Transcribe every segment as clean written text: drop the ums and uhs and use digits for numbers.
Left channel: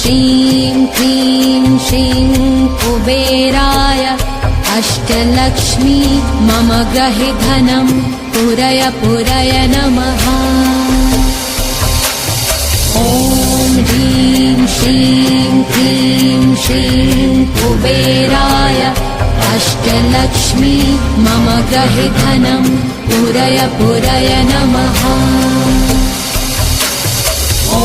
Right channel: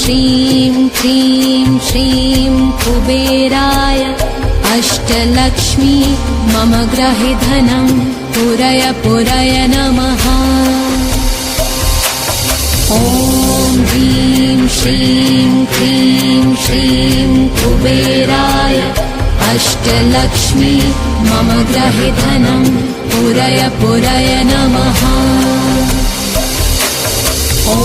श्रीं क्लीं श्रीं कुबेराय अष्टलक्ष्मी मम ग्रहे धनं पुरय पुरय नमः। ॐ ह्रीं श्रीं क्लीं श्रीं कुबेराय अष्टलक्ष्मी मम ग्रहे धनं पुरय पुरय नमः। ॐ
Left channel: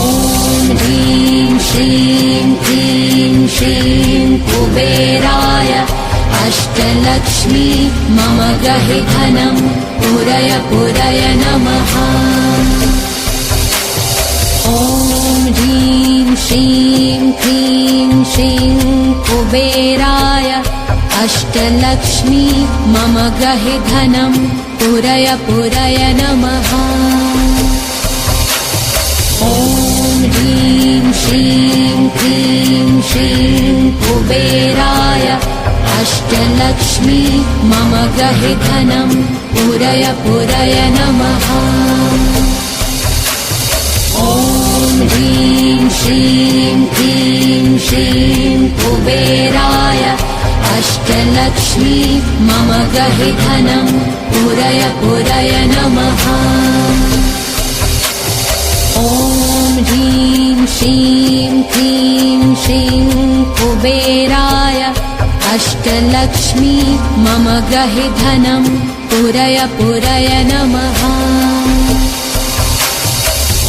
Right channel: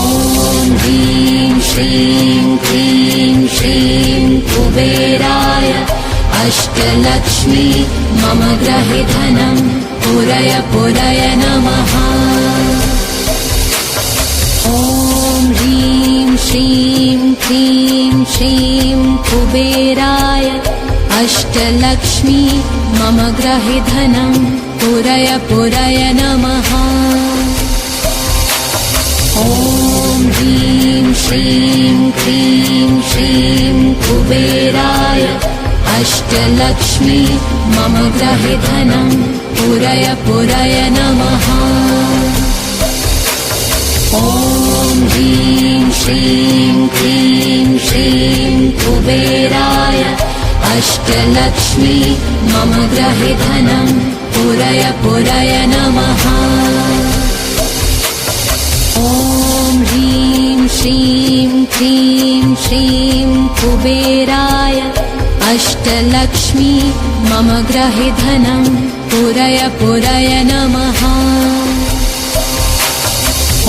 ह्रीं श्रीं क्लीं श्रीं कुबेराय अष्टलक्ष्मी मम ग्रहे धनं पुरय पुरय नमः। ॐ ह्रीं श्रीं क्लीं श्रीं कुबेराय अष्टलक्ष्मी मम ग्रहे धनं पुरय पुरय नमः। ॐ ह्रीं श्रीं क्लीं श्रीं कुबेराय अष्टलक्ष्मी मम ग्रहे धनं पुरय पुरय नमः। ॐ ह्रीं श्रीं क्लीं श्रीं कुबेराय अष्टलक्ष्मी मम ग्रहे धनं पुरय पुरय नमः। ॐ ह्रीं श्रीं क्लीं श्रीं कुबेराय अष्टलक्ष्मी मम ग्रहे धनं पुरय पुरय नमः।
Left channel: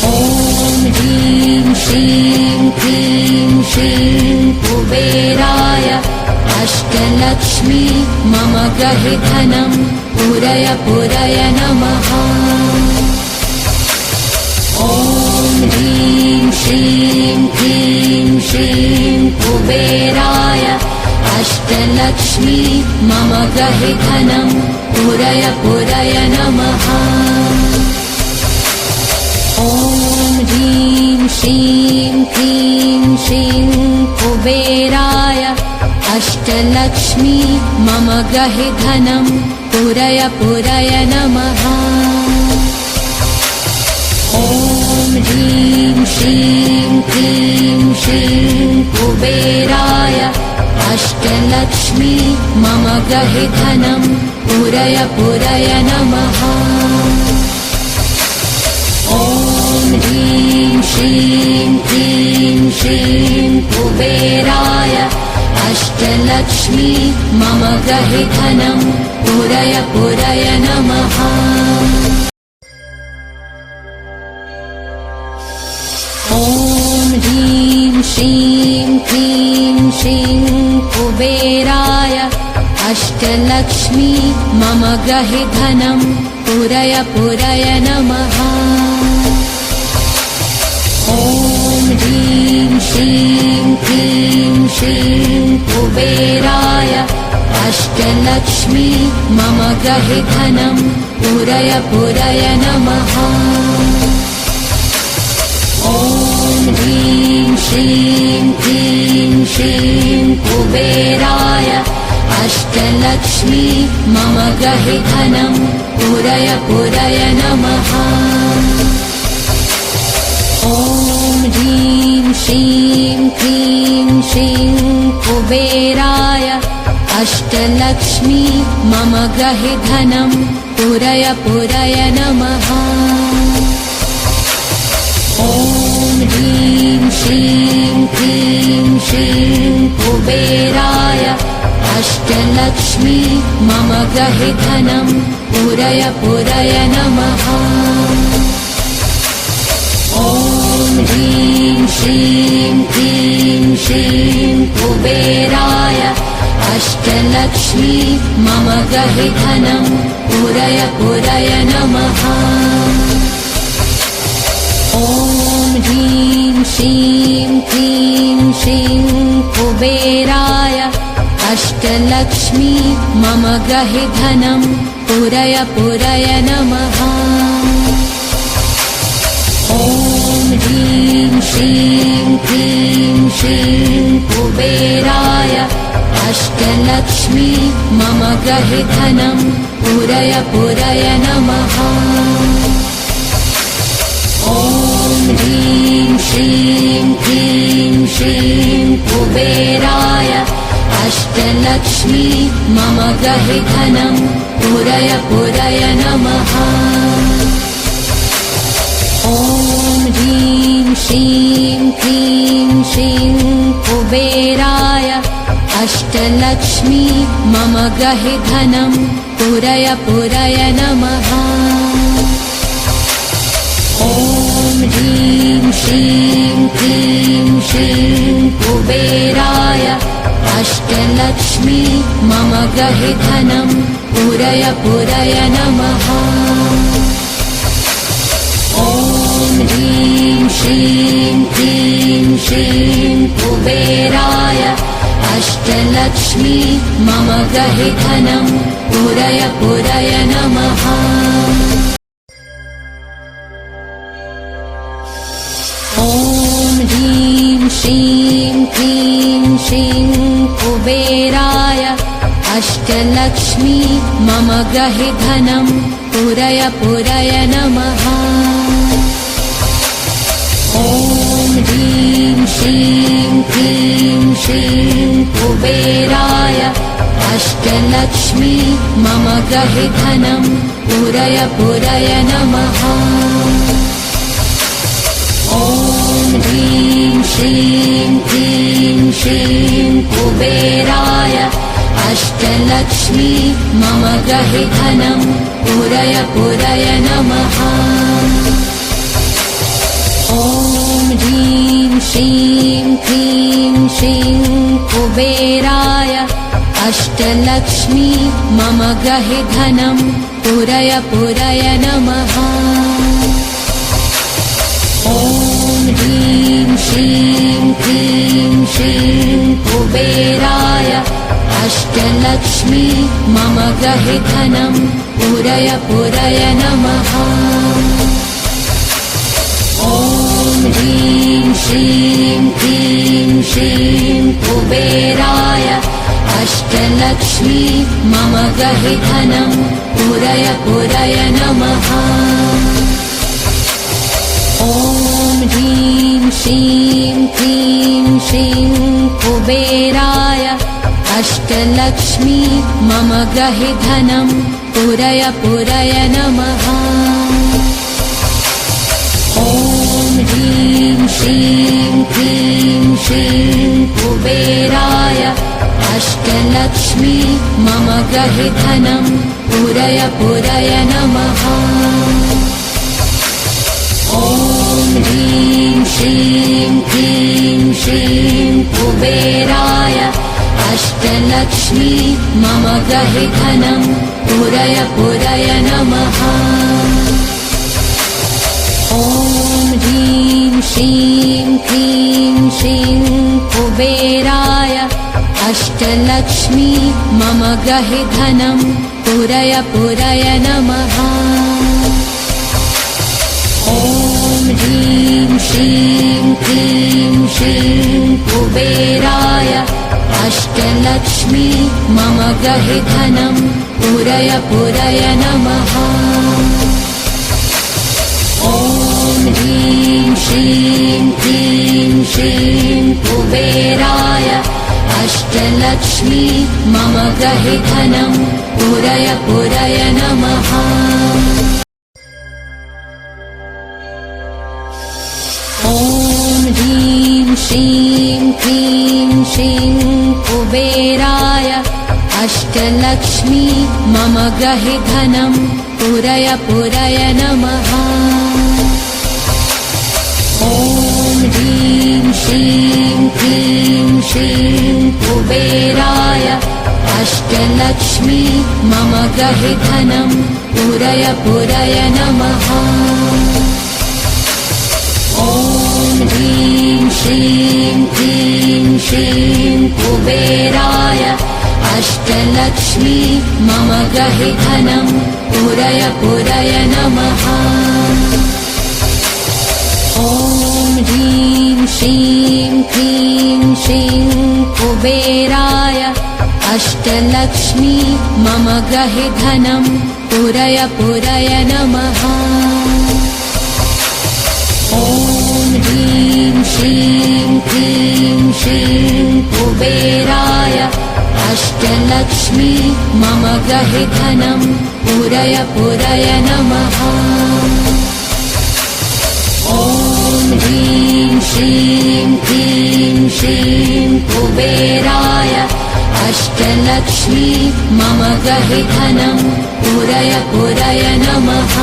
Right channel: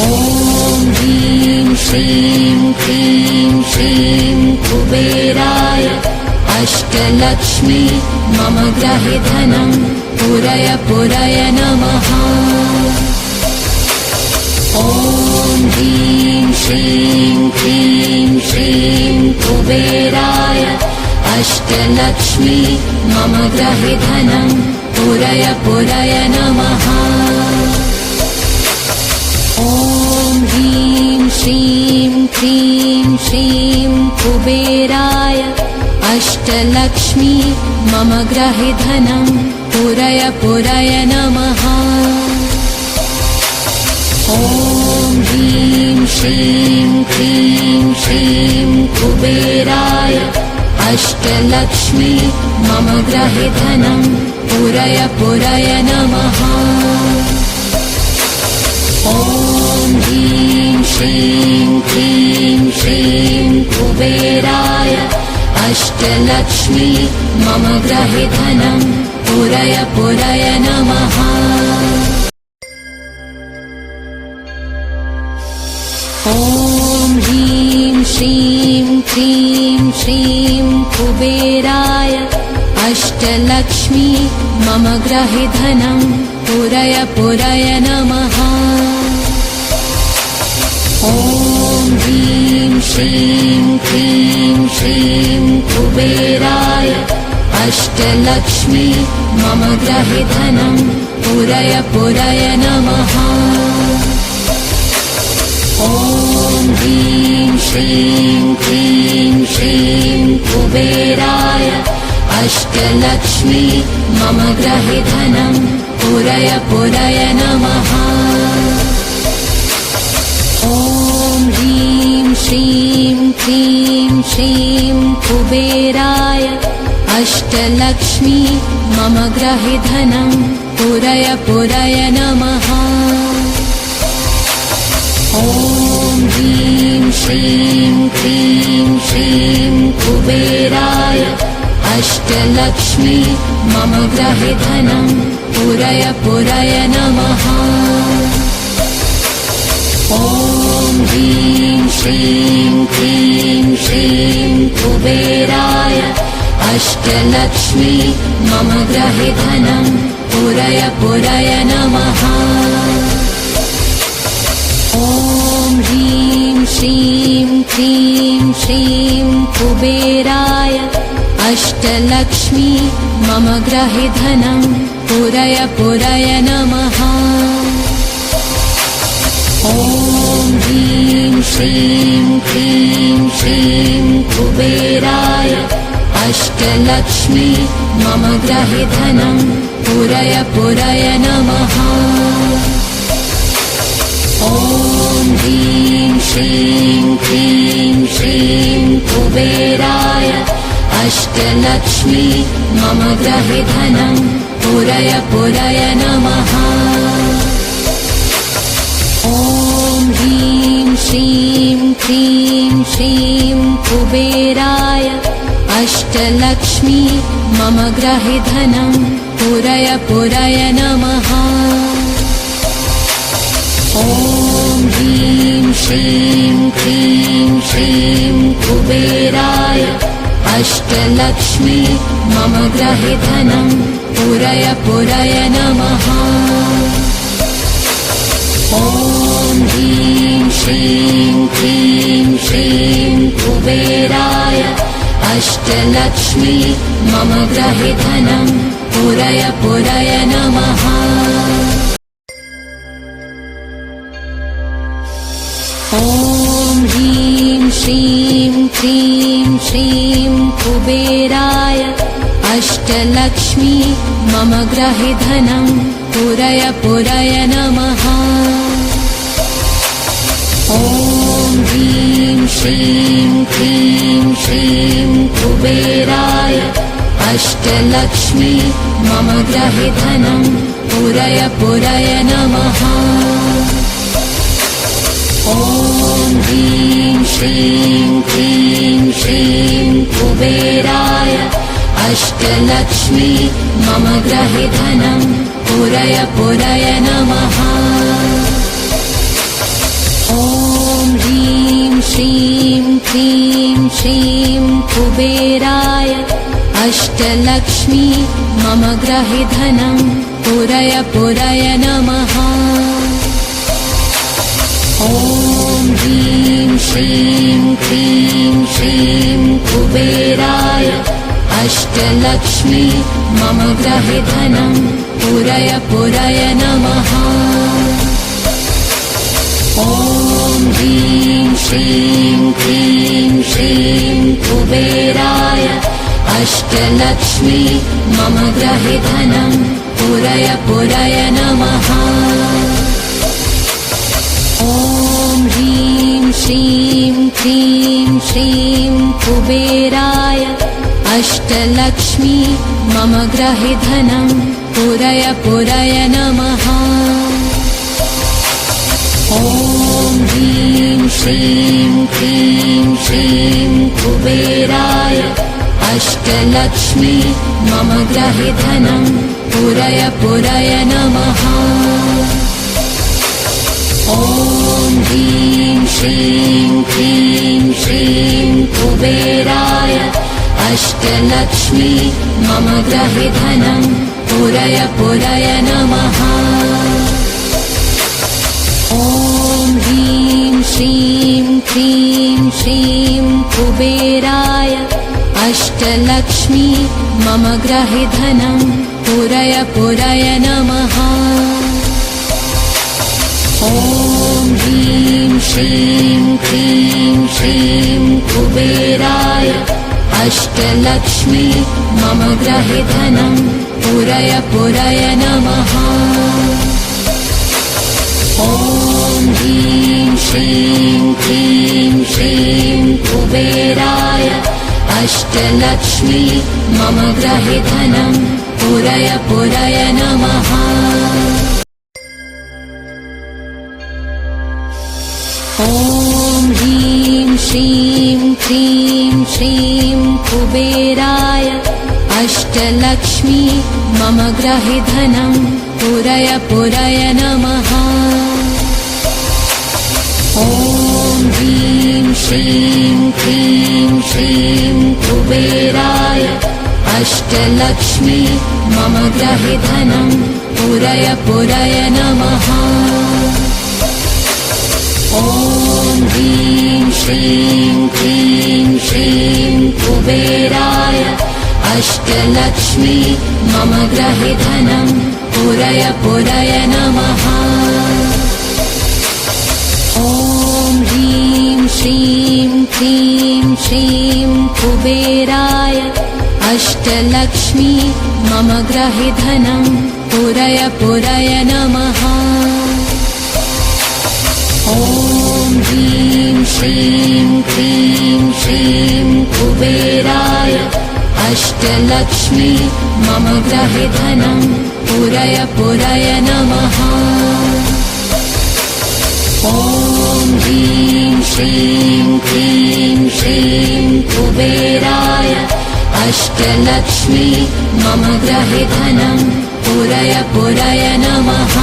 ॐ ह्रीं श्रीं क्लीं श्रीं कुबेराय अष्टलक्ष्मी मम ग्रहे धनं पुरय पुरय नमः। ॐ ह्रीं श्रीं क्लीं श्रीं कुबेराय अष्टलक्ष्मी मम ग्रहे धनं पुरय पुरय नमः। ॐ ह्रीं श्रीं क्लीं श्रीं कुबेराय अष्टलक्ष्मी मम ग्रहे धनं पुरय पुरय नमः। ॐ ह्रीं श्रीं क्लीं श्रीं कुबेराय अष्टलक्ष्मी मम ग्रहे धनं पुरय पुरय नमः। ॐ ह्रीं श्रीं क्लीं श्रीं कुबेराय अष्टलक्ष्मी मम ग्रहे धनं पुरय पुरय नमः। ॐ ह्रीं श्रीं क्लीं श्रीं कुबेराय अष्टलक्ष्मी मम ग्रहे धनं पुरय पुरय नमः। ॐ ह्रीं श्रीं क्लीं श्रीं कुबेराय अष्टलक्ष्मी मम ग्रहे धनं पुरय पुरय नमः। ॐ ह्रीं श्रीं क्लीं श्रीं कुबेराय अष्टलक्ष्मी मम ग्रहे धनं पुरय पुरय नमः। ॐ ह्रीं श्रीं क्लीं श्रीं कुबेराय अष्टलक्ष्मी मम ग्रहे धनं पुरय पुरय नमः। ॐ ह्रीं श्रीं क्लीं श्रीं कुबेराय अष्टलक्ष्मी मम ग्रहे धनं पुरय पुरय नमः। ॐ ह्रीं श्रीं क्लीं श्रीं कुबेराय अष्टलक्ष्मी मम ग्रहे धनं पुरय पुरय नमः। ॐ ह्रीं श्रीं क्लीं श्रीं कुबेराय अष्टलक्ष्मी मम ग्रहे धनं पुरय पुरय नमः। ॐ ह्रीं श्रीं क्लीं श्रीं कुबेराय अष्टलक्ष्मी मम ग्रहे धनं पुरय पुरय नमः। ॐ ह्रीं श्रीं क्लीं श्रीं ग्रहे धनं पुरय पुरय नमः। ॐ ह्रीं श्रीं क्लीं श्रीं कुबेराय अष्टलक्ष्मी मम ग्रहे धनं पुरय पुरय नमः। ॐ ह्रीं श्रीं क्लीं श्रीं कुबेराय अष्टलक्ष्मी मम ग्रहे धनं पुरय पुरय नमः। ॐ ह्रीं श्रीं क्लीं श्रीं कुबेराय अष्टलक्ष्मी मम ग्रहे धनं पुरय पुरय नमः। ॐ ह्रीं श्रीं क्लीं श्रीं कुबेराय अष्टलक्ष्मी मम ग्रहे धनं पुरय पुरय नमः। ॐ ह्रीं श्रीं क्लीं श्रीं कुबेराय अष्टलक्ष्मी मम ग्रहे धनं पुरय पुरय नमः। ॐ ह्रीं श्रीं क्लीं श्रीं कुबेराय अष्टलक्ष्मी मम ग्रहे धनं पुरय पुरय नमः। ॐ ह्रीं श्रीं क्लीं श्रीं कुबेराय अष्टलक्ष्मी मम ग्रहे धनं पुरय पुरय नमः। ॐ ह्रीं श्रीं क्लीं श्रीं कुबेराय अष्टलक्ष्मी मम ग्रहे धनं पुरय पुरय नमः। ॐ ह्रीं श्रीं क्लीं श्रीं कुबेराय अष्टलक्ष्मी मम ग्रहे धनं पुरय पुरय नमः। ॐ ह्रीं श्रीं क्लीं श्रीं कुबेराय अष्टलक्ष्मी मम ग्रहे धनं पुरय पुरय नमः। ॐ ह्रीं श्रीं क्लीं श्रीं कुबेराय अष्टलक्ष्मी मम ग्रहे धनं पुरय पुरय नमः। ॐ ह्रीं श्रीं क्लीं श्रीं कुबेराय अष्टलक्ष्मी मम ग्रहे धनं पुरय पुरय नमः। ॐ ह्रीं श्रीं क्लीं श्रीं कुबेराय अष्टलक्ष्मी मम ग्रहे धनं पुरय पुरय नमः। ॐ ह्रीं श्रीं क्लीं श्रीं कुबेराय अष्टलक्ष्मी मम ग्रहे धनं पुरय पुरय नमः। ॐ ह्रीं श्रीं क्लीं श्रीं कुबेराय अष्टलक्ष्मी मम ग्रहे धनं पुरय पुरय नमः। ॐ ह्रीं श्रीं क्लीं श्रीं कुबेराय अष्टलक्ष्मी मम ग्रहे धनं पुरय पुरय नमः। ॐ ह्रीं श्रीं क्लीं श्रीं कुबेराय अष्टलक्ष्मी मम ग्रहे धनं पुरय पुरय नमः। ॐ ह्रीं श्रीं क्लीं श्रीं कुबेराय अष्टलक्ष्मी मम ग्रहे धनं पुरय पुरय नमः। ॐ ह्रीं श्रीं क्लीं श्रीं कुबेराय अष्टलक्ष्मी मम ग्रहे धनं पुरय पुरय नमः। पुरय पुरय नमः। ॐ ह्रीं श्रीं क्लीं श्रीं कुबेराय अष्टलक्ष्मी मम गहि धनं पुरय पुरय नमः।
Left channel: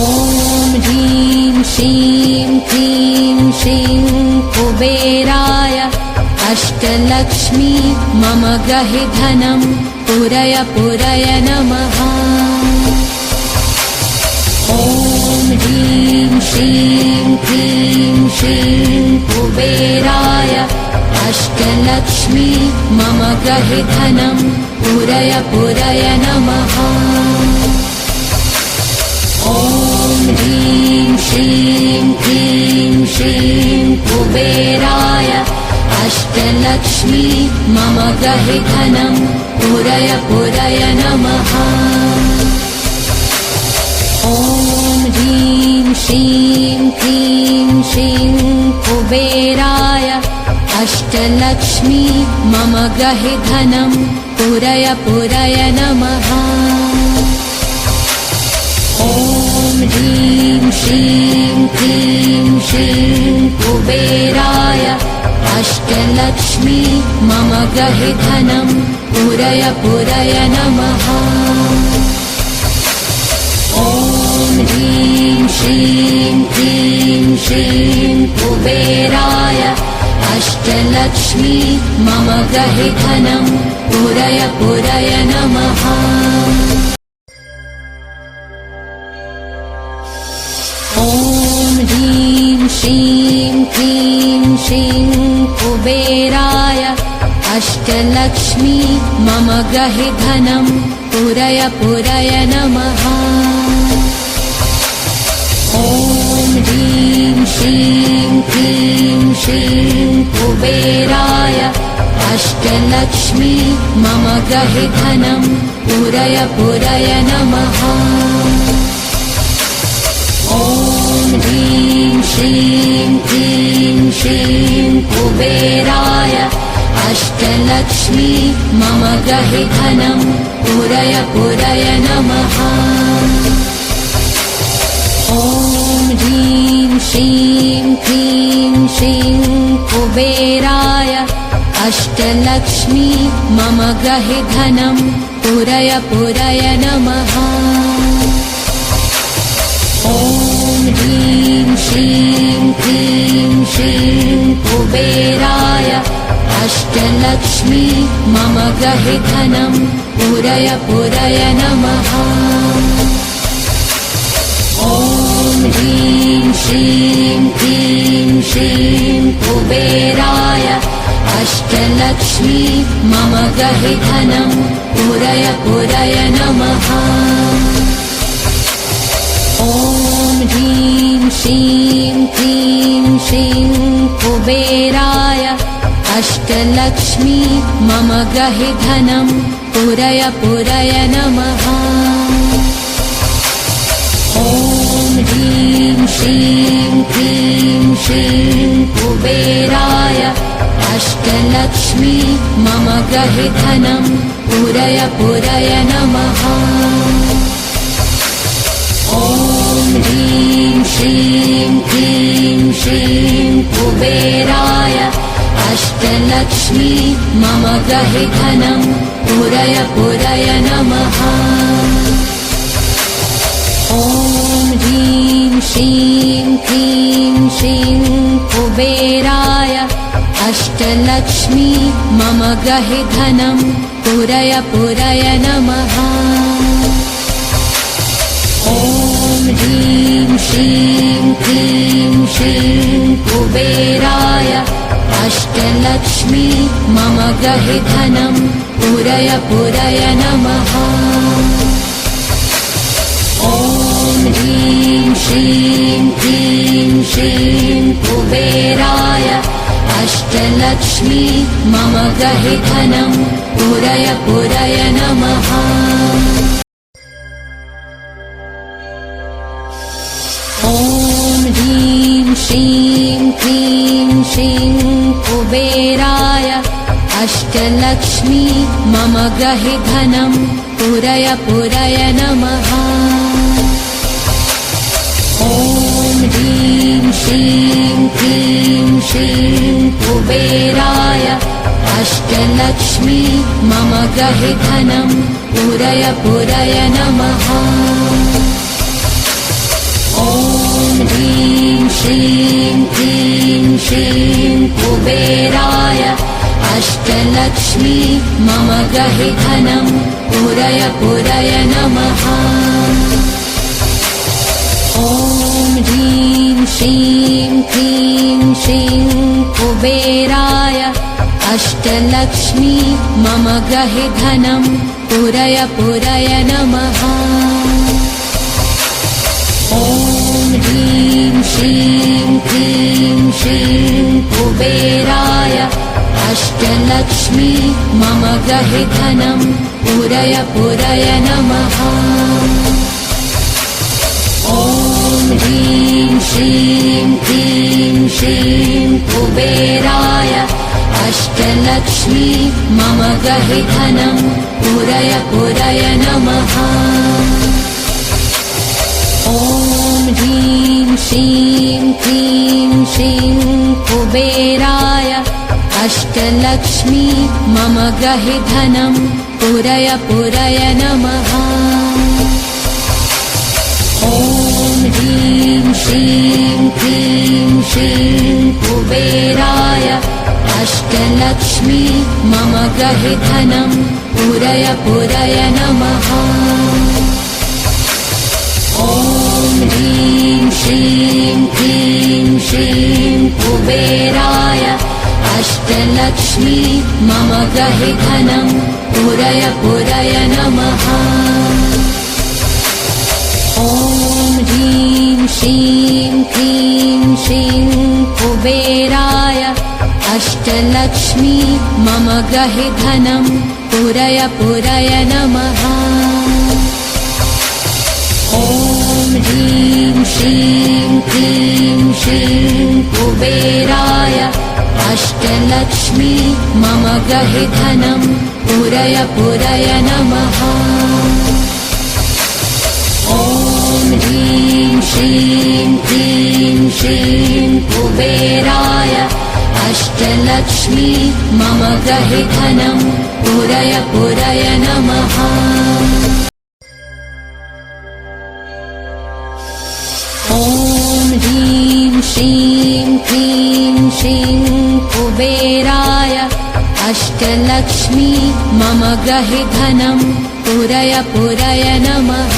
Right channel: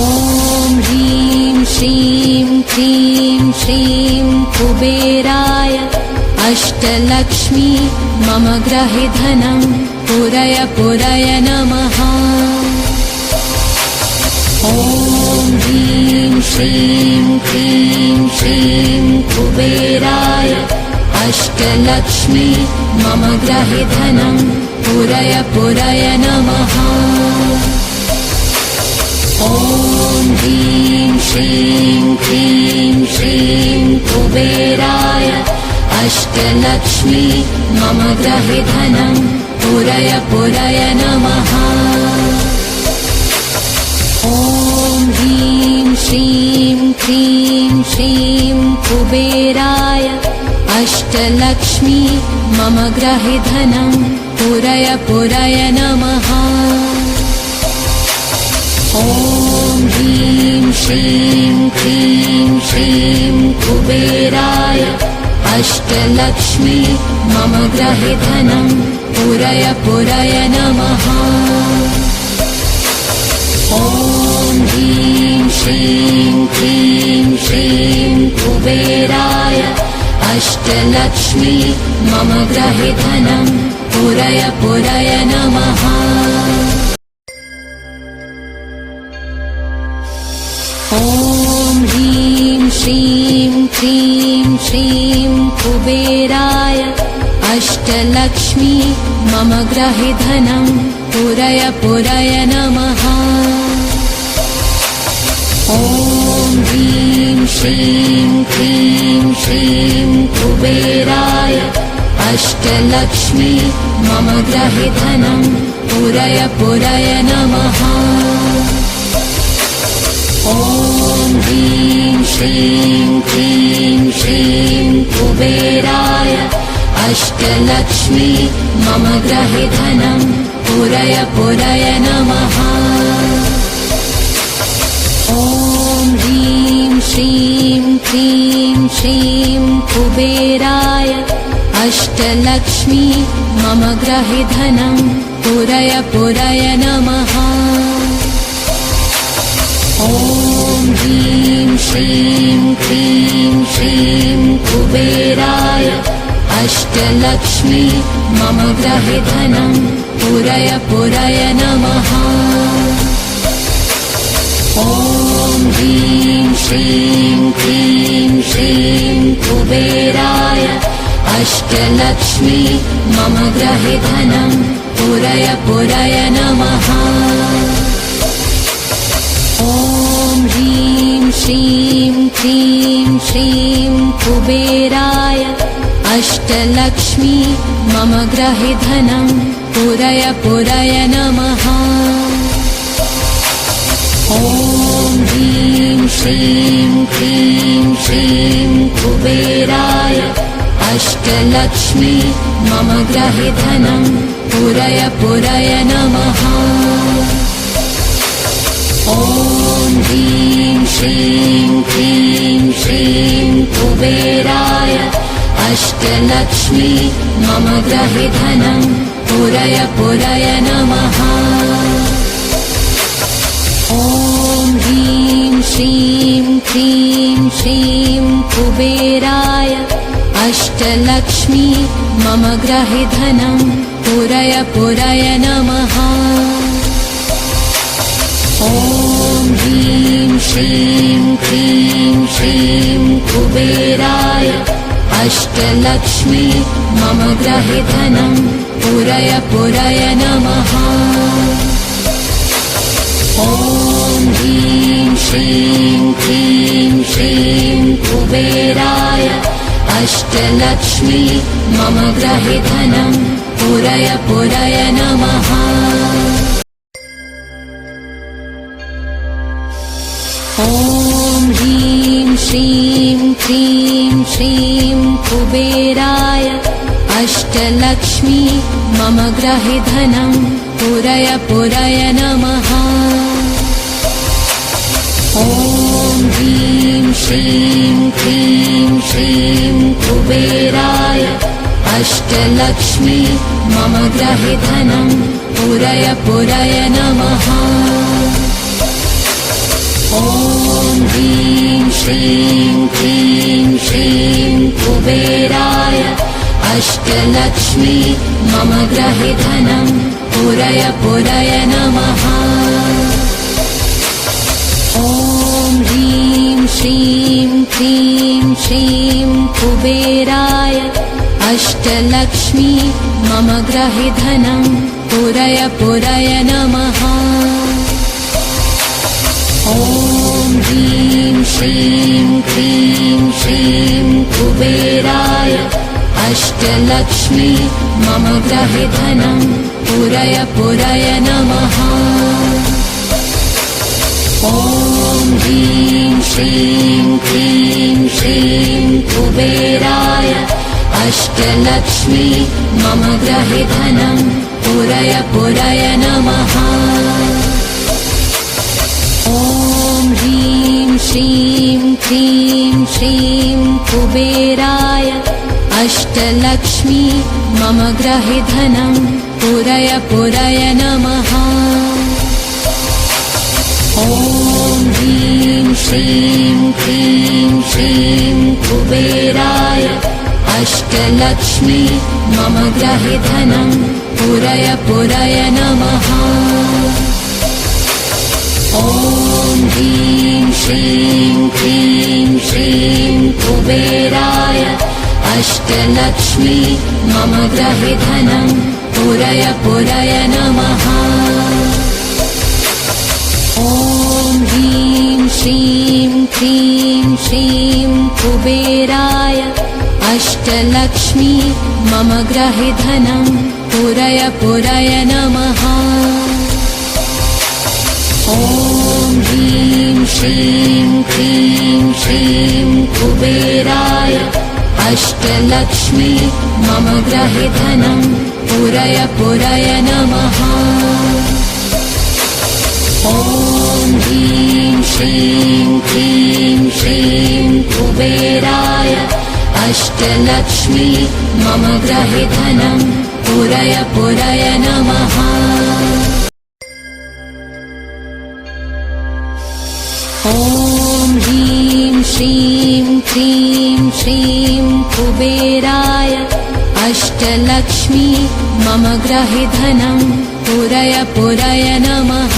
ॐ ह्रीं श्रीं क्लीं श्रीं कुबेराय अष्टलक्ष्मी मम गहि धनं पुरय पुरय नमः। ॐ ह्रीं श्रीं क्लीं श्रीं कुबेराय अष्टलक्ष्मी मम गहि धनं पुरय पुरय नमः। ॐ ह्रीं श्रीं क्लीं श्रीं कुबेराय अष्टलक्ष्मी मम गहि धनं पुरय पुरय नमः। ॐ ह्रीं श्रीं क्लीं श्रीं कुबेराय अष्टलक्ष्मी मम गहि धनं पुरय पुरय नमः। ॐ ह्रीं श्रीं क्लीं श्रीं कुबेराय अष्टलक्ष्मी मम गहि धनं पुरय पुरय नमः। ॐ ह्रीं श्रीं क्लीं श्रीं कुबेराय अष्टलक्ष्मी मम गहि धनं पुरय पुरय नमः। ॐ ह्रीं श्रीं क्लीं श्रीं कुबेराय अष्टलक्ष्मी मम गहि धनं पुरय पुरय नमः। ॐ ह्रीं श्रीं क्लीं श्रीं कुबेराय अष्टलक्ष्मी मम गहि धनं पुरय पुरय नमः। ॐ ह्रीं श्रीं क्लीं श्रीं कुबेराय अष्टलक्ष्मी मम गहि धनं पुरय पुरय नमः। ॐ ह्रीं श्रीं क्लीं श्रीं कुबेराय अष्टलक्ष्मी मम गहि धनं पुरय पुरय नमः। ॐ ह्रीं श्रीं क्लीं श्रीं कुबेराय अष्टलक्ष्मी मम गहि धनं पुरय पुरय नमः। ॐ ह्रीं श्रीं क्लीं श्रीं कुबेराय अष्टलक्ष्मी मम गहि धनं पुरय पुरय नमः। ॐ ह्रीं श्रीं क्लीं श्रीं कुबेराय अष्टलक्ष्मी मम गहि धनं पुरय पुरय नमः। ॐ ह्रीं श्रीं क्लीं श्रीं कुबेराय अष्टलक्ष्मी मम गहि धनं पुरय पुरय नमः। ॐ ह्रीं श्रीं क्लीं श्रीं कुबेराय अष्टलक्ष्मी मम गहि धनं पुरय पुरय नमः। ॐ ह्रीं श्रीं क्लीं श्रीं कुबेराय अष्टलक्ष्मी मम गहि धनं पुरय पुरय नमः। ॐ ह्रीं श्रीं क्लीं श्रीं कुबेराय अष्टलक्ष्मी मम गहि धनं पुरय पुरय नमः। ॐ ह्रीं श्रीं क्लीं श्रीं कुबेराय अष्टलक्ष्मी मम गहि धनं पुरय पुरय नमः। ॐ ह्रीं श्रीं क्लीं श्रीं कुबेराय अष्टलक्ष्मी मम गहि धनं पूरय पूरय नमः। ॐ ह्रीं श्रीं क्लीं श्रीं कुबेराय अष्टलक्ष्मी मम गृहे धनं पूरय पूरय नमः। ॐ ह्रीं श्रीं क्लीं श्रीं कुबेराय अष्टलक्ष्मी मम गृहे धनं पूरय पूरय नमः। ॐ ह्रीं श्रीं क्लीं श्रीं कुबेराय अष्टलक्ष्मी मम गृहे धनं पूरय पूरय नमः। ॐ ह्रीं श्रीं क्लीं श्रीं कुबेराय अष्टलक्ष्मी मम गृहे धनं पूरय पूरय नमः। ॐ ह्रीं श्रीं क्लीं श्रीं कुबेराय अष्टलक्ष्मी मम गृहे धनं पूरय पूरय नमः। ॐ ह्रीं श्रीं क्लीं श्रीं कुबेराय अष्टलक्ष्मी मम गृहे धनं पूरय पूरय नमः। ॐ ह्रीं श्रीं क्लीं श्रीं कुबेराय अष्टलक्ष्मी मम गृहे धनं पूरय पूरय नमः। ॐ ह्रीं श्रीं क्लीं श्रीं कुबेराय अष्टलक्ष्मी मम गृहे धनं पूरय पूरय नमः। ॐ ह्रीं श्रीं क्लीं श्रीं कुबेराय अष्टलक्ष्मी मम गृहे धनं पूरय पूरय नमः। ॐ ह्रीं श्रीं क्लीं श्रीं कुबेराय अष्टलक्ष्मी मम गृहे धनं पूरय पूरय नमः। ॐ ह्रीं श्रीं क्लीं श्रीं कुबेराय अष्टलक्ष्मी मम गृहे धनं पूरय पूरय नमः। ॐ ह्रीं श्रीं क्लीं श्रीं कुबेराय अष्टलक्ष्मी मम गृहे धनं पूरय पूरय नमः।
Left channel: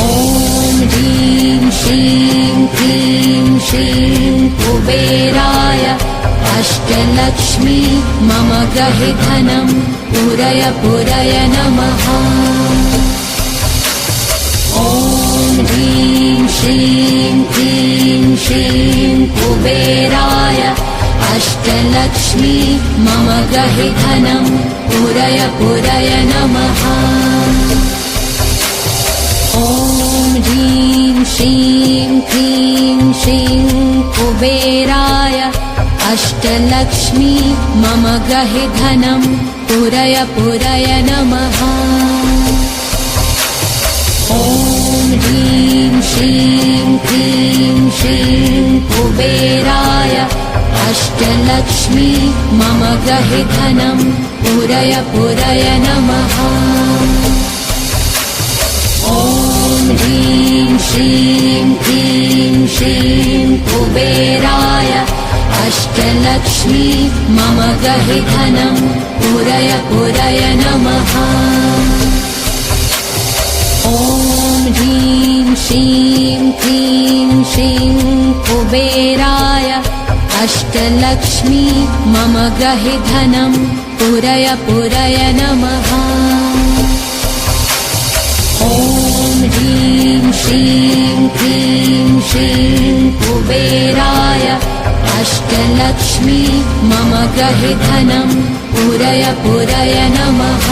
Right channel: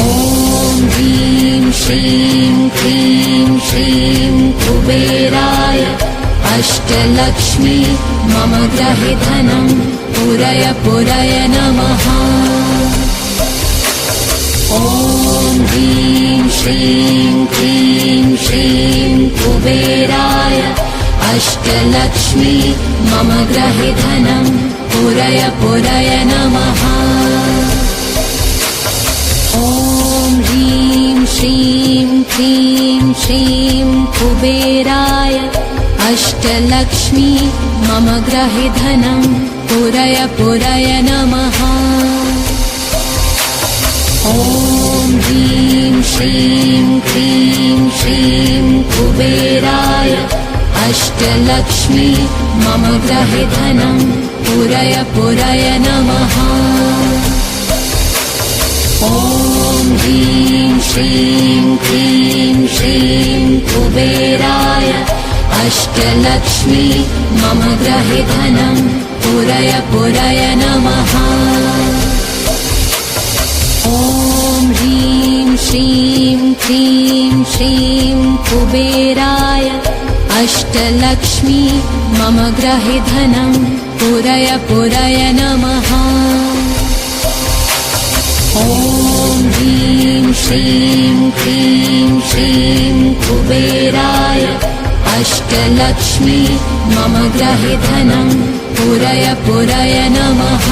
ॐ ह्रीं श्रीं क्लीं श्रीं कुबेराय अष्टलक्ष्मी मम गृहे धनं पूरय पूरय नमः। ॐ ह्रीं श्रीं क्लीं श्रीं कुबेराय अष्टलक्ष्मी मम गृहे धनं पूरय पूरय नमः। ॐ ह्रीं श्रीं क्लीं श्रीं कुबेराय अष्टलक्ष्मी मम गृहे धनं पूरय पूरय नमः। ॐ ह्रीं श्रीं क्लीं श्रीं कुबेराय अष्टलक्ष्मी मम गृहे धनं पूरय पूरय नमः। ॐ ह्रीं श्रीं क्लीं श्रीं कुबेराय अष्टलक्ष्मी मम गृहे धनं पूरय पूरय नमः। ॐ ह्रीं श्रीं क्लीं श्रीं कुबेराय अष्टलक्ष्मी मम गृहे धनं पूरय पूरय नमः। ॐ ह्रीं श्रीं क्लीं श्रीं कुबेराय अष्टलक्ष्मी मम गृहे धनं पूरय पूरय नमः।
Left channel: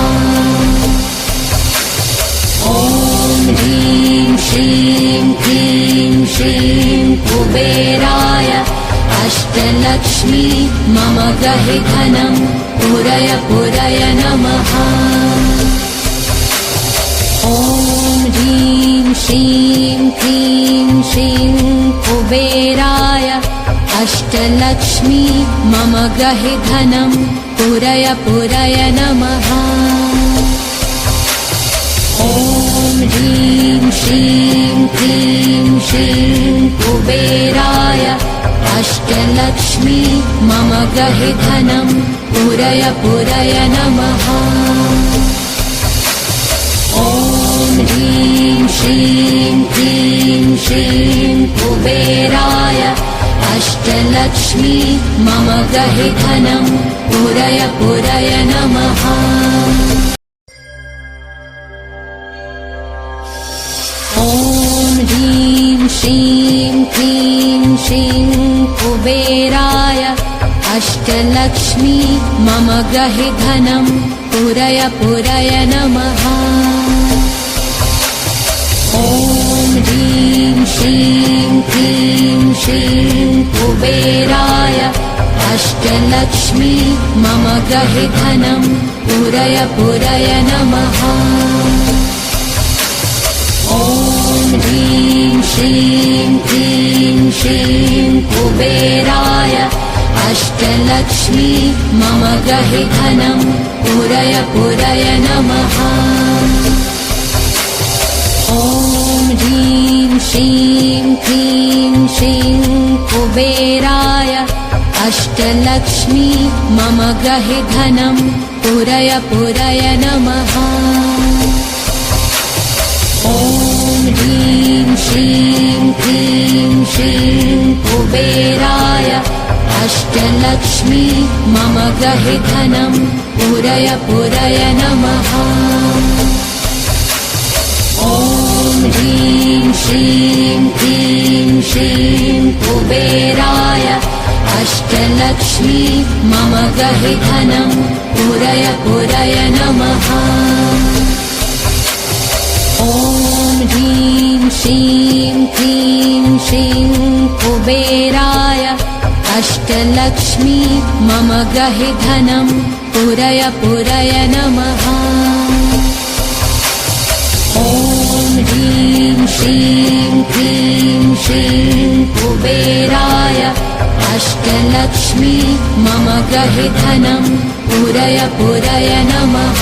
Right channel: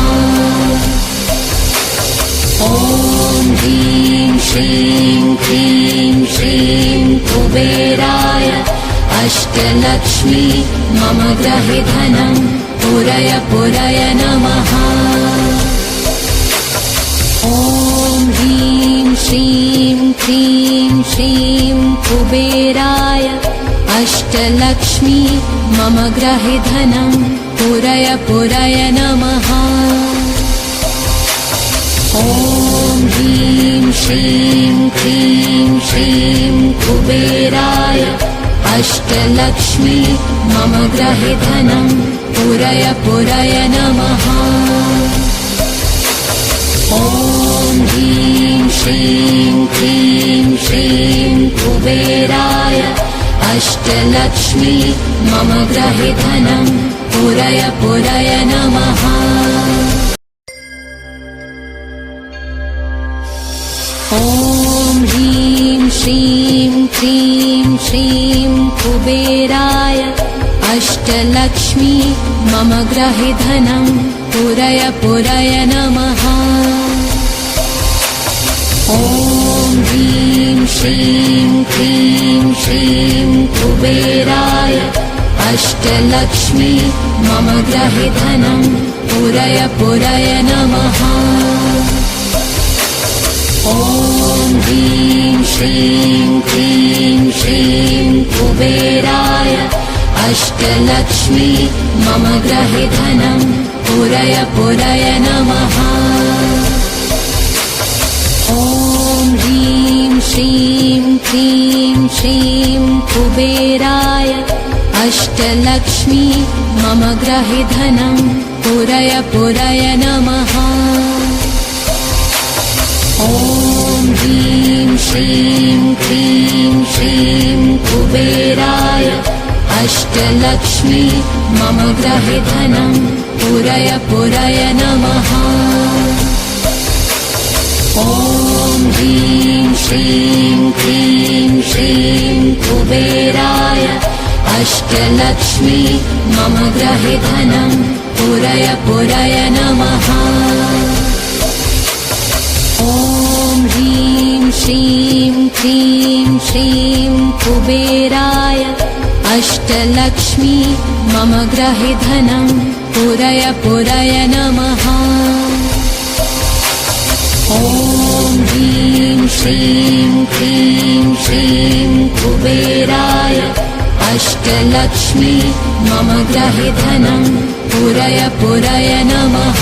ॐ ह्रीं श्रीं क्लीं श्रीं कुबेराय अष्टलक्ष्मी मम गृहे धनं पूरय पूरय नमः। ॐ ह्रीं श्रीं क्लीं श्रीं कुबेराय अष्टलक्ष्मी मम ग्रहे धनं पुरय पुरय नमः। ॐ ह्रीं श्रीं क्लीं श्रीं कुबेराय अष्टलक्ष्मी मम ग्रहे धनं पुरय पुरय नमः। ॐ ह्रीं श्रीं क्लीं श्रीं कुबेराय अष्टलक्ष्मी मम ग्रहे धनं पुरय पुरय नमः। ॐ ह्रीं श्रीं क्लीं श्रीं कुबेराय अष्टलक्ष्मी मम ग्रहे धनं पुरय पुरय नमः। ॐ ह्रीं श्रीं क्लीं श्रीं कुबेराय अष्टलक्ष्मी मम ग्रहे धनं पुरय पुरय नमः। ॐ ह्रीं श्रीं क्लीं श्रीं कुबेराय अष्टलक्ष्मी मम ग्रहे धनं पुरय पुरय नमः। ॐ ह्रीं श्रीं क्लीं श्रीं कुबेराय अष्टलक्ष्मी मम ग्रहे धनं पुरय पुरय नमः। ॐ ह्रीं श्रीं क्लीं श्रीं कुबेराय अष्टलक्ष्मी मम ग्रहे धनं पुरय पुरय नमः। ॐ ह्रीं श्रीं क्लीं श्रीं कुबेराय अष्टलक्ष्मी मम ग्रहे धनं पुरय पुरय नमः। ॐ ह्रीं श्रीं क्लीं श्रीं कुबेराय अष्टलक्ष्मी मम ग्रहे धनं पुरय पुरय नमः। ॐ ह्रीं श्रीं क्लीं श्रीं कुबेराय अष्टलक्ष्मी मम ग्रहे धनं पुरय पुरय नमः।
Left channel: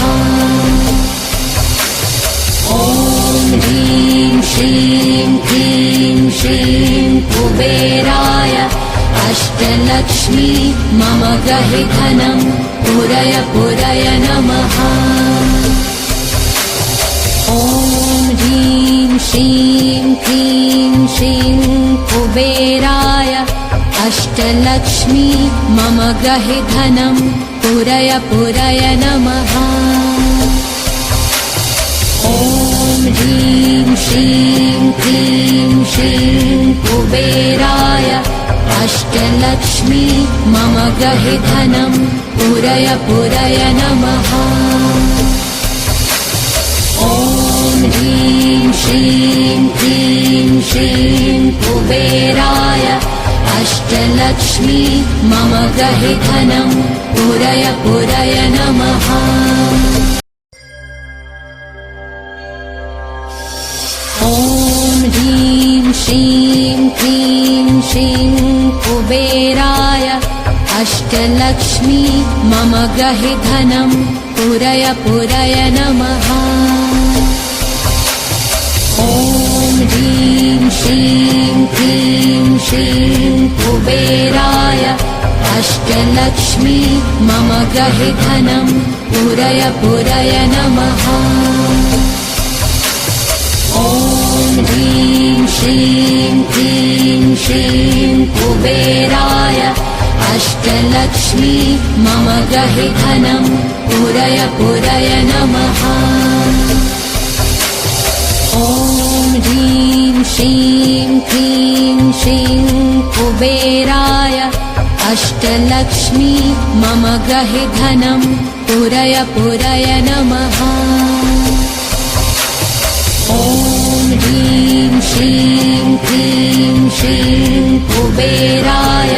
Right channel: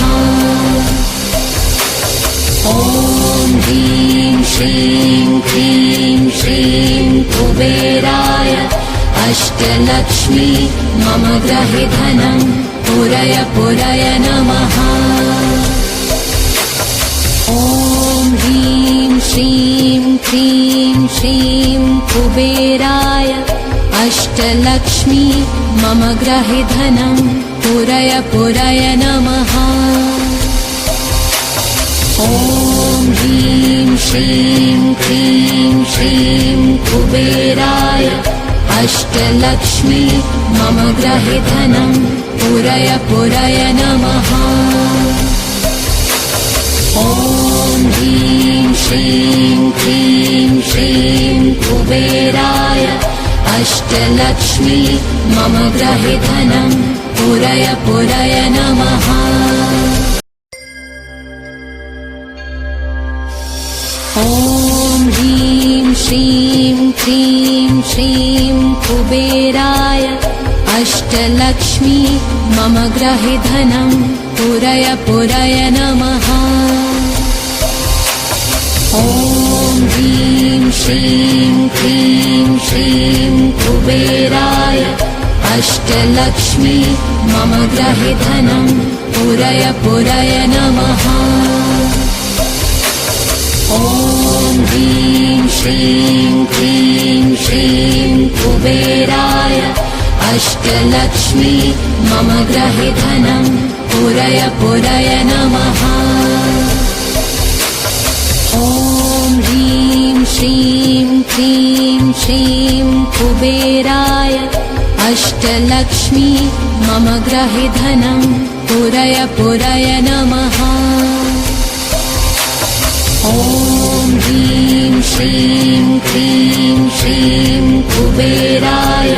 ॐ ह्रीं श्रीं क्लीं श्रीं कुबेराय अष्टलक्ष्मी मम ग्रहे धनं पुरय पुरय नमः। ॐ ह्रीं श्रीं क्लीं श्रीं कुबेराय अष्टलक्ष्मी मम ग्रहे धनं पुरय पुरय नमः। ॐ ह्रीं श्रीं क्लीं श्रीं कुबेराय अष्टलक्ष्मी मम ग्रहे धनं पुरय पुरय नमः। ॐ ह्रीं श्रीं क्लीं श्रीं कुबेराय अष्टलक्ष्मी मम ग्रहे धनं पुरय पुरय नमः। ॐ ह्रीं श्रीं क्लीं श्रीं कुबेराय अष्टलक्ष्मी मम ग्रहे धनं पुरय पुरय नमः। ॐ ह्रीं श्रीं क्लीं श्रीं कुबेराय अष्टलक्ष्मी मम ग्रहे धनं पुरय पुरय नमः। ॐ ह्रीं श्रीं क्लीं श्रीं कुबेराय अष्टलक्ष्मी मम ग्रहे धनं पुरय पुरय नमः। ॐ ह्रीं श्रीं क्लीं श्रीं कुबेराय अष्टलक्ष्मी मम ग्रहे धनं पुरय पुरय नमः। ॐ ह्रीं श्रीं क्लीं श्रीं कुबेराय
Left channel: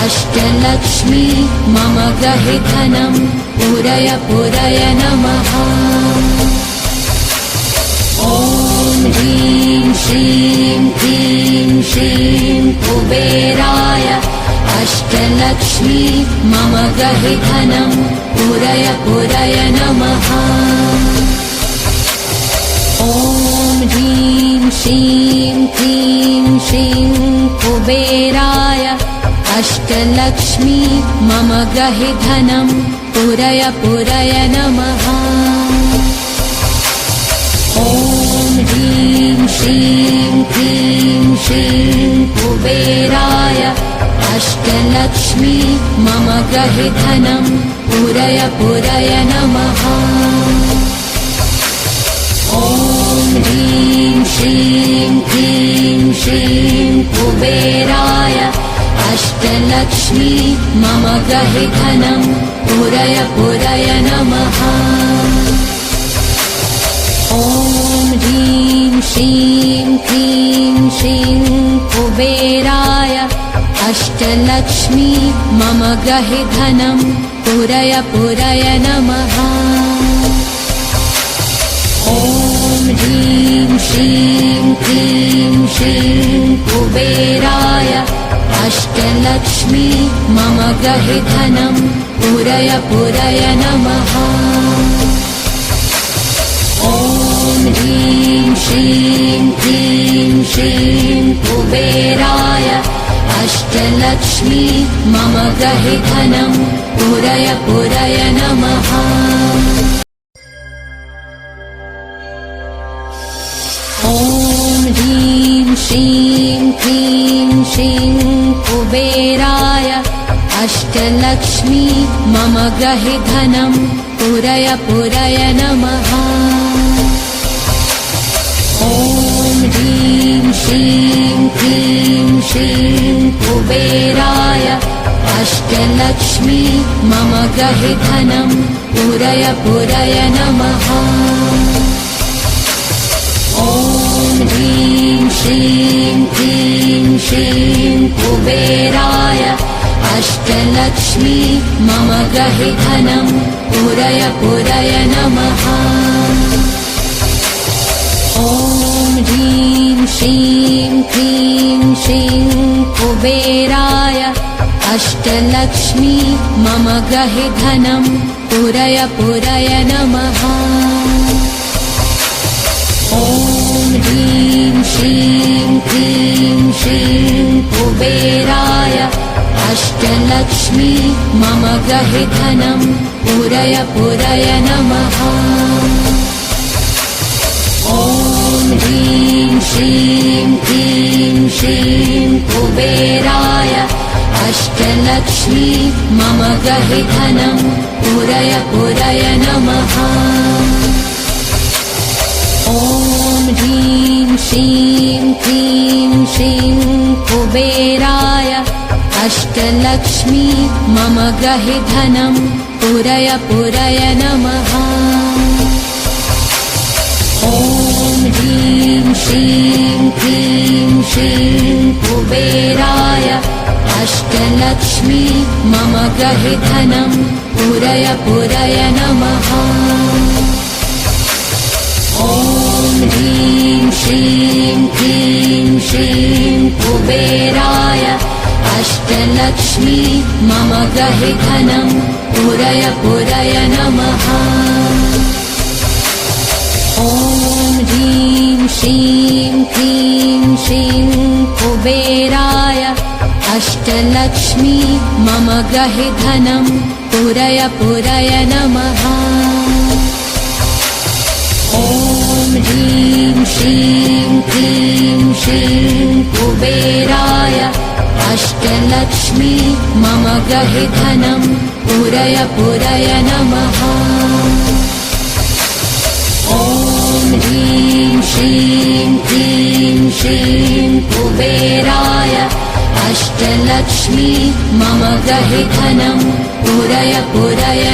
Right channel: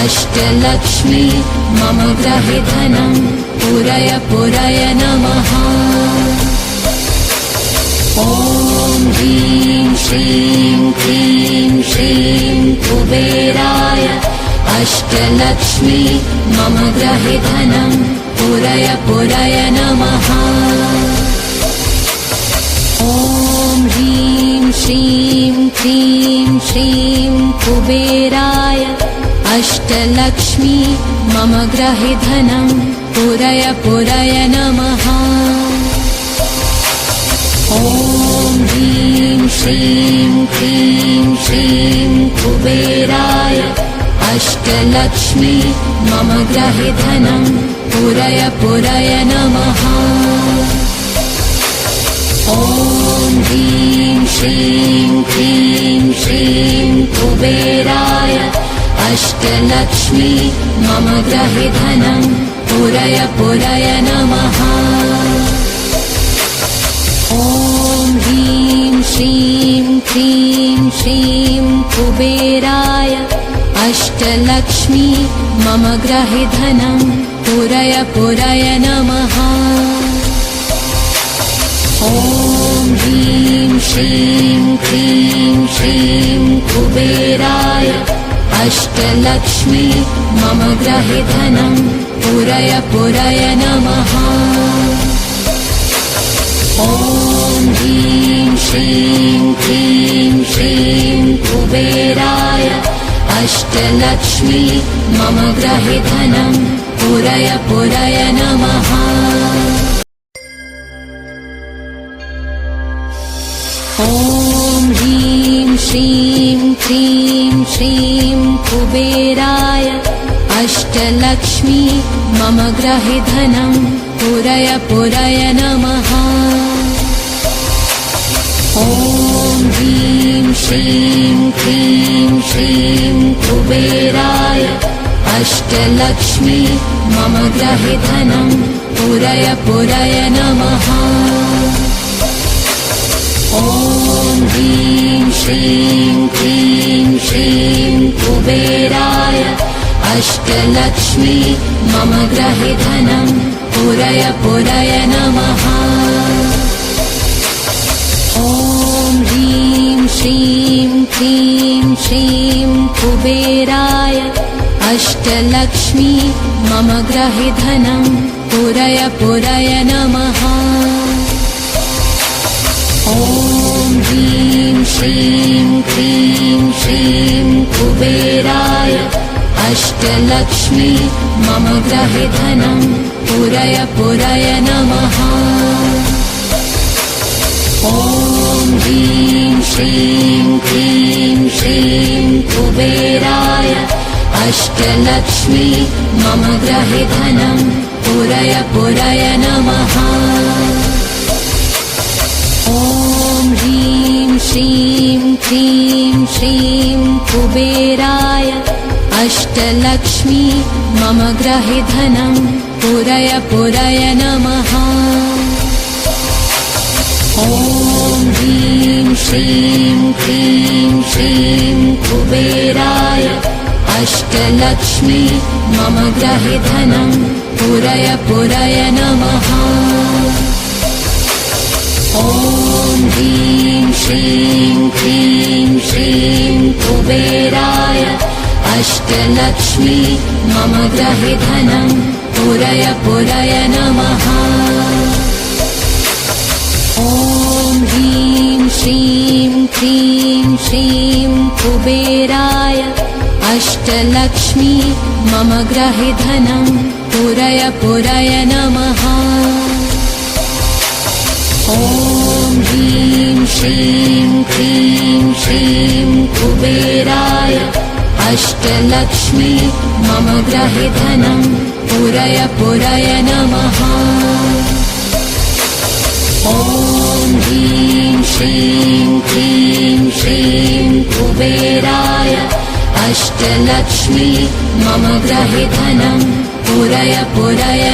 अष्टलक्ष्मी मम ग्रहे धनं पुरय पुरय नमः। श्रीं क्लीं श्रीं कुबेराय अष्टलक्ष्मी मम गृहे धनं पुरय पुरय नमः। ॐ ह्रीं श्रीं क्लीं श्रीं कुबेराय अष्टलक्ष्मी मम गृहे धनं पुरय पुरय नमः। ॐ ह्रीं श्रीं क्लीं श्रीं कुबेराय अष्टलक्ष्मी मम गृहे धनं पुरय पुरय नमः। ॐ ह्रीं श्रीं क्लीं श्रीं कुबेराय अष्टलक्ष्मी मम गृहे धनं पुरय पुरय नमः। ॐ ह्रीं श्रीं क्लीं श्रीं कुबेराय अष्टलक्ष्मी मम गृहे धनं पुरय पुरय नमः। ॐ ह्रीं श्रीं क्लीं श्रीं कुबेराय अष्टलक्ष्मी मम गृहे धनं पुरय पुरय नमः। ॐ ह्रीं श्रीं क्लीं श्रीं कुबेराय अष्टलक्ष्मी मम गृहे धनं पुरय पुरय नमः। ॐ ह्रीं श्रीं क्लीं श्रीं कुबेराय अष्टलक्ष्मी मम गृहे धनं पुरय पुरय नमः। ॐ ह्रीं श्रीं क्लीं श्रीं कुबेराय अष्टलक्ष्मी मम गृहे धनं पुरय पुरय नमः। ॐ ह्रीं श्रीं क्लीं श्रीं कुबेराय अष्टलक्ष्मी मम गृहे धनं पुरय पुरय नमः। ॐ ह्रीं श्रीं क्लीं श्रीं कुबेराय अष्टलक्ष्मी मम गृहे धनं पुरय पुरय नमः। ॐ ह्रीं श्रीं क्लीं श्रीं कुबेराय अष्टलक्ष्मी मम गृहे धनं पुरय पुरय नमः। ॐ ह्रीं श्रीं क्लीं श्रीं कुबेराय अष्टलक्ष्मी मम गृहे धनं पुरय पुरय नमः। ॐ ह्रीं श्रीं क्लीं श्रीं कुबेराय अष्टलक्ष्मी मम गृहे धनं पुरय पुरय नमः। ॐ ह्रीं श्रीं क्लीं श्रीं कुबेराय अष्टलक्ष्मी मम गृहे धनं पुरय पुरय नमः। ॐ ह्रीं श्रीं क्लीं श्रीं कुबेराय अष्टलक्ष्मी मम गृहे धनं पुरय पुरय नमः। ॐ ह्रीं श्रीं क्लीं श्रीं कुबेराय अष्टलक्ष्मी मम गृहे धनं पुरय पुरय नमः। ॐ ह्रीं श्रीं क्लीं श्रीं कुबेराय अष्टलक्ष्मी मम गृहे धनं पुरय पुरय नमः। ॐ ह्रीं श्रीं क्लीं श्रीं कुबेराय अष्टलक्ष्मी मम गृहे धनं पुरय पुरय